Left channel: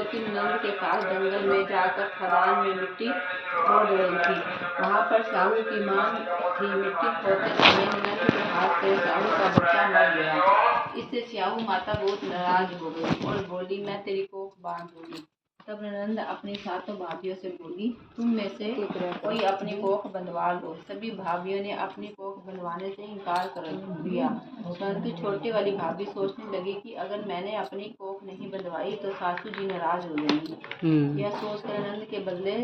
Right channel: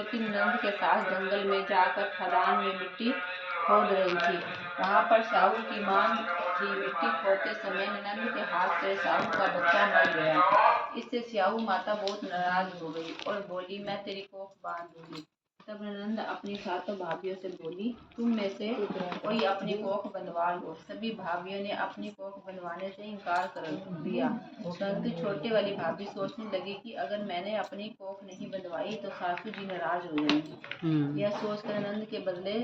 ज्योति नंद के साथ जंगल में जाकर खदान में मिट्टी खोद रही थी। वहाँ पर साहू की मां थी। मिट्टी खोदते समय नंद के हाथ से साहू का बच्चा मर गया। इससे साहू माता बहुत नाराज हो गई और बोली, मैं तेरी कोख बांध दूंगी। तब नंद अपनी सातों भाभियों से बोली, तुम में से कोई अपनी कोख बंधवा लो। सभी भाभियों ने अपनी कोख बंधवाने से इनकार कर दिया, परंतु छोटी वाली भाभी सोचने लगी कि अगर मैंने अपनी कोख नहीं बंधवाई तो सासू जी नाराज हो जाएंगी। यह सोचकर नंद के बदले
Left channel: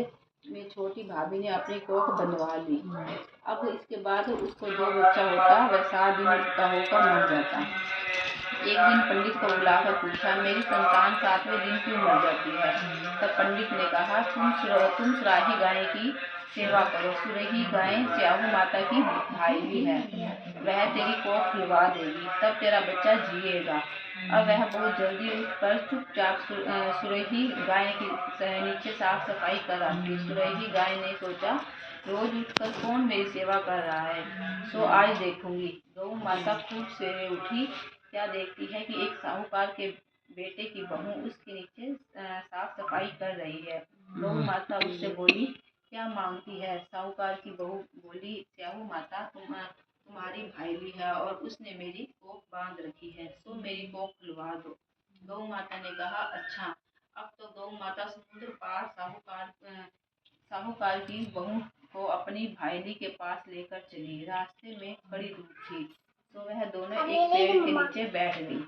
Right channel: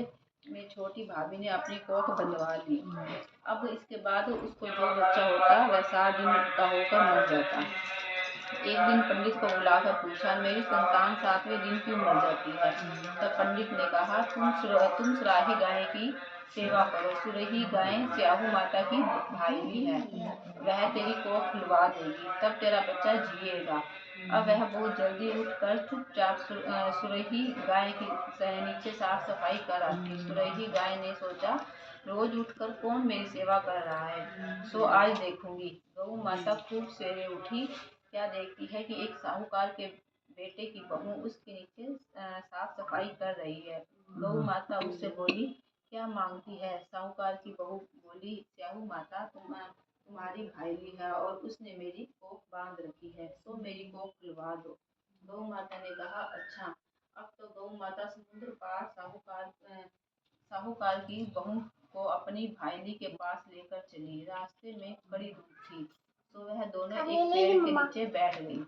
में छोटी भाभी ने अपनी कोख बंधवा ली। अब इसके बाद उसको जो बच्चा होता वह 7 दिन का होकर मर जाता। एक दिन पंडित को बुलाकर पूछा, मेरी संतान 7वें दिन क्यों मर जाती है? तब पंडित ने कहा, तुम सुराही गाय की सेवा करो। सुरही गाय स्याहू माता की भाई है, वह तेरी कोख खुलवा देगी, तब तेरा बच्चा जिएगा। अब वह बहुत जल्दी उठकर चुपचाप सुरही गाय के नीचे साफ सफाई कर आती। सुरही गाय ने सोचा, रोज उठकर कौन मेरी सेवा कर रहा है, सो आज देखूंगी। गौ माता खूब सवेरे उठी, क्या देखती है कि एक साहूकार के बेटे की बहू उसके नीचे साफ सफाई कर रही है। गौ माता उससे बोली, क्या मांगती है? साहूकार की बहू बोली, स्याहू माता तुम्हारी भाईली है और उसने मेरी कोख बांध रखी है, सो मेरी कोख खुलवा दो। गौ माता ने कहा, अच्छा। अब तो गौ माता समुद्र पार साहूकार की बहू को अपनी भाईली के पास लेकर चली। रास्ते में कड़ी धूप थी, तो वह दोनों एक पेड़ के नीचे बैठ गई।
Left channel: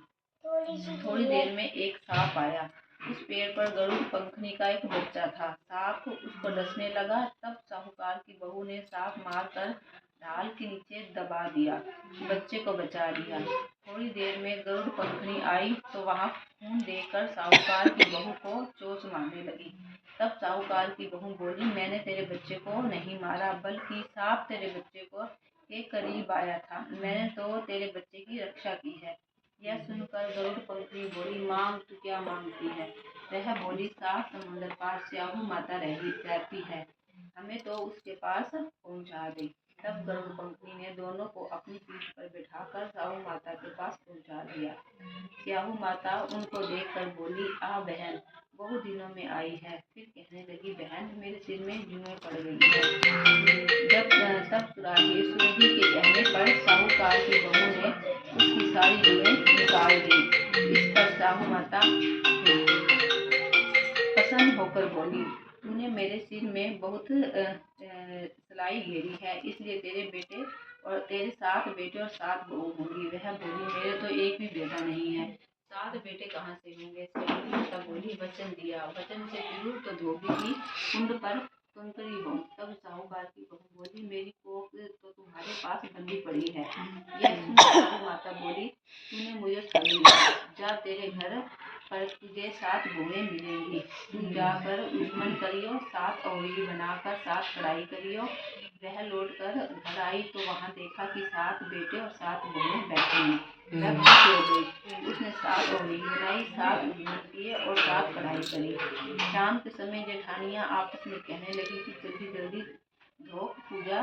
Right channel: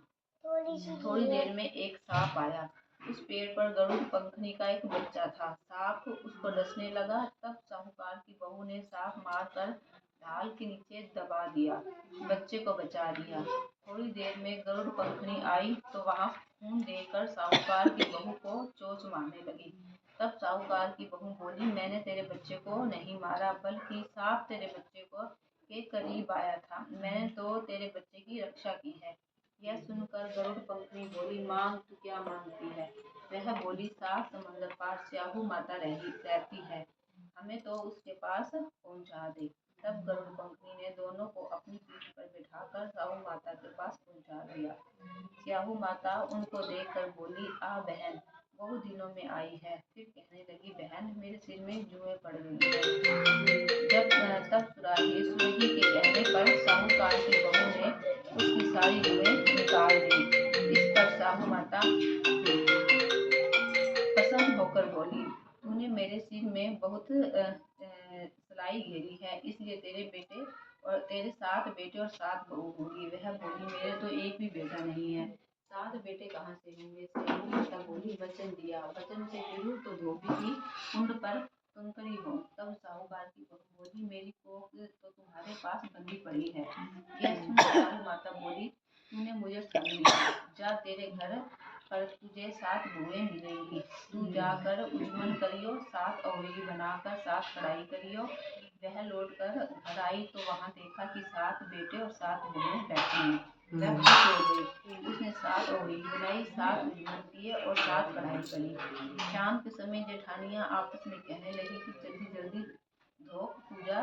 थोड़ी देर में एक सांप आया। उस पेड़ पर गरुड़ पंखनी का एक बच्चा था। सांप उसको डसने लगा। तब साहूकार की बहू ने सांप मारकर ढाल के नीचे दबा दिया, बच्चे को बचा लिया। थोड़ी देर में गरुड़ पंखनी आई तो वहां खून देखकर साहूकार की बहू को चोंच मारने लगी। तब साहूकार की बहू बोली, मैंने तेरे बच्चे को नहीं मारा, बल्कि सांप तेरे बच्चे को के करीब आया था। मैंने तो तेरे बच्चे की रक्षा की है। यह सुनकर गरुड़ पंखनी बोली, मांग, तू क्या मांगती है? वह बोली, 7 समंदर पार स्याहू माता रहती है, हमें तो उसके पास पहुंचा दे। तब गरुड़ पंखनी ने दोनों को अपनी पीठ पर बिठाकर स्याहू माता के पास पहुंचा दिया। स्याहू माता उनको देखकर बोली, आ बहन, बहुत दिनों में आई है। फिर कहने लगी, बहन, मेरे सिर में जुएं पड़ गई है। तब सुरही के कहने पर साहूकार की बहू ने उसकी सारी जुएं निकाल दी। इस पर साहू माता प्रसन्न होकर बोली, तूने मेरे सिर में बहुत सलाई घेरी है, इसलिए तेरे बेटे और तेरे 7 बेटे और 7 बहू होंगी। वह बोली, मेरे तो एक भी बेटा नहीं है, 7 बेटे कहाँ से होंगे? स्याहू माता बोली, वचन दिया, वचन से फिरूं तो धोबी की कुंड पर कंकरी हो। तब साहूकार की बहू बोली, मेरी कोख तो तुम्हारे पास बंधी पड़ी है। यह सुन साहू माता बोली, तूने मुझे ठग लिया, जा, तेरे घर पर तुझे 7 बहुएं मिलेंगी। तुम जाकर उजमन करियो, 7 औरई बनाकर 7 कढ़ाई करियो। वह लौट कर घर आई तो वहां देखा कि 7 बेटे और 7 बहुएं बैठे हैं। वह खुश हो गई। उसने 7 औरई बनाई, 7 उजमन किए और 7 कढ़ाई करी। शाम के समय जेठानियां आपस में कहने लगी कि जल्दी जल्दी धोक पूजा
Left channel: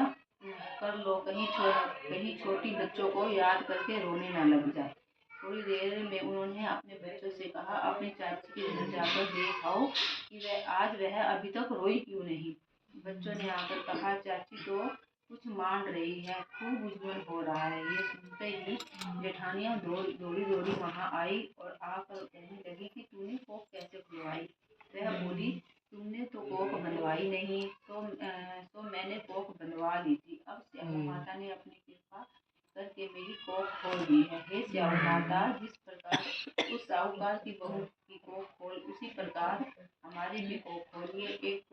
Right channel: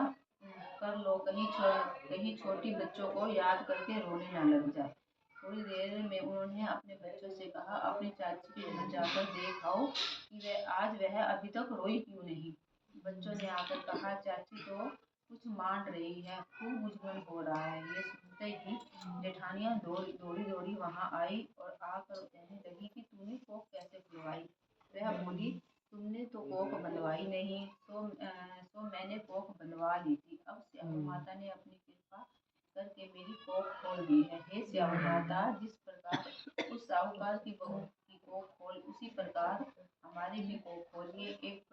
कर लो, कहीं छोटी बच्चों को याद करके रोने न लग जाए। थोड़ी देर में उन्होंने अपने बच्चों से कहा, अपनी चाची के घर जाकर देख आओ कि वह अभी तक रोई क्यों नहीं। बच्चों ने आकर कहा, चाची तो कुछ मान रही है, खूब उजमन हो रहा है। ये सुनते ही जेठानियां दौड़ी दौड़ी वहां आई और आकर कहने लगी कि तूने कोख कैसे खुलवाई? वह बोली, तुमने तो कोख बंधवाई नहीं, तो मैंने कोख बंधवा ली थी। अब स्याहू माता ने अपनी कृपा करके मेरी कोख खोल दी है। हे स्याहू माता, जिस प्रकार उस साहूकार की बहू की कोख खोल, उसी प्रकार हमारी भी कोख खोलिए। एक